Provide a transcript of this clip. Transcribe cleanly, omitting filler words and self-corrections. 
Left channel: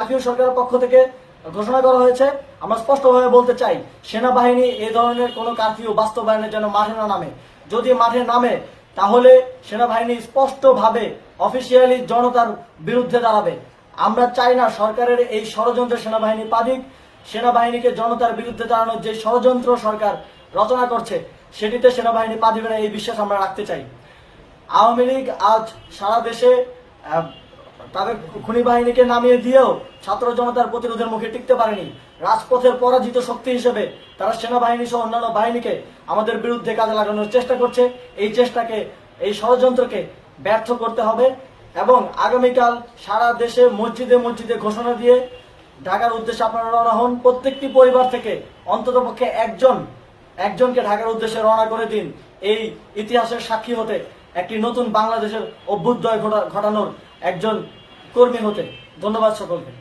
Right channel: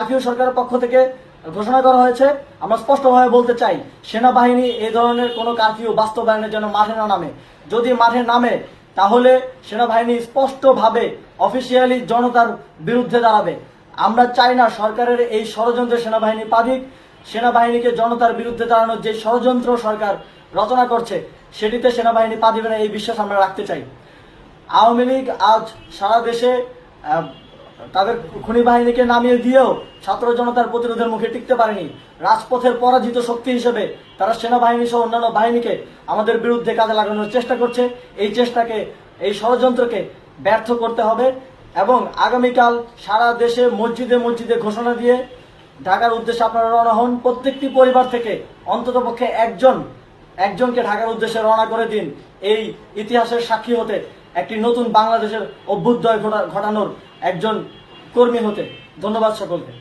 জাতীয় সরকারের পক্ষ থেকে ঘোষণা করা হয়েছে। আমরা স্পষ্টভাবে বলতে চাই, সেনাবাহিনী এই ধরনের কোনো কারফিউ বাস্তবায়নের জন্য মাঠে না নামে। যদি মাঠে নামে তাহলে সেনাবাহিনী স্পষ্টভাবে অফিসিয়ালি জনতার বিরুদ্ধে দাঁড়াবে। আমরা চাই না সরকারের এই ষড়যন্ত্রে সেনাবাহিনী পা দিক। সেনাবাহিনীকে জনতার বিরুদ্ধে দাঁড়ানোর যে ষড়যন্ত্র সরকার রচনা করছে সেটিতে সেনাবাহিনী পা দিবে না, এই বিশ্বাস আমরা রাখতে চাই। আওয়ামী লীগ আজ সারা দেশে তাদের খুনি বাহিনীকে নামিয়ে দিয়েও ছাত্র জনতার প্রতিরোধের মুখে টিকতে পারেনি। রাজপথের পরাজিত শক্তি হিসেবে তারা সেনাবাহিনী সহ অন্যান্য বাহিনীকে আমাদের বিরুদ্ধে কাজে লাগানোর চেষ্টা করছে। এই চেষ্টাকে, এই ষড়যন্ত্রকে ব্যর্থ করতে হবে এবং আগামীকাল সারা দেশে মসজিদে মসজিদে ঘোষণা দিয়ে ঢাকার উদ্দেশ্যে আপনারা রওনা হন। প্রত্যেকটি পরিবার থেকে অন্ততপক্ষে একজনকে ঢাকার উদ্দেশ্যে রওনা করে দিন, এই ইতিহাসের সাক্ষী হতে, একটি নতুন বাংলাদেশের অভ্যুদয় ঘটানোর একজন কর্মী হতে। ধন্যবাদ সকলকে।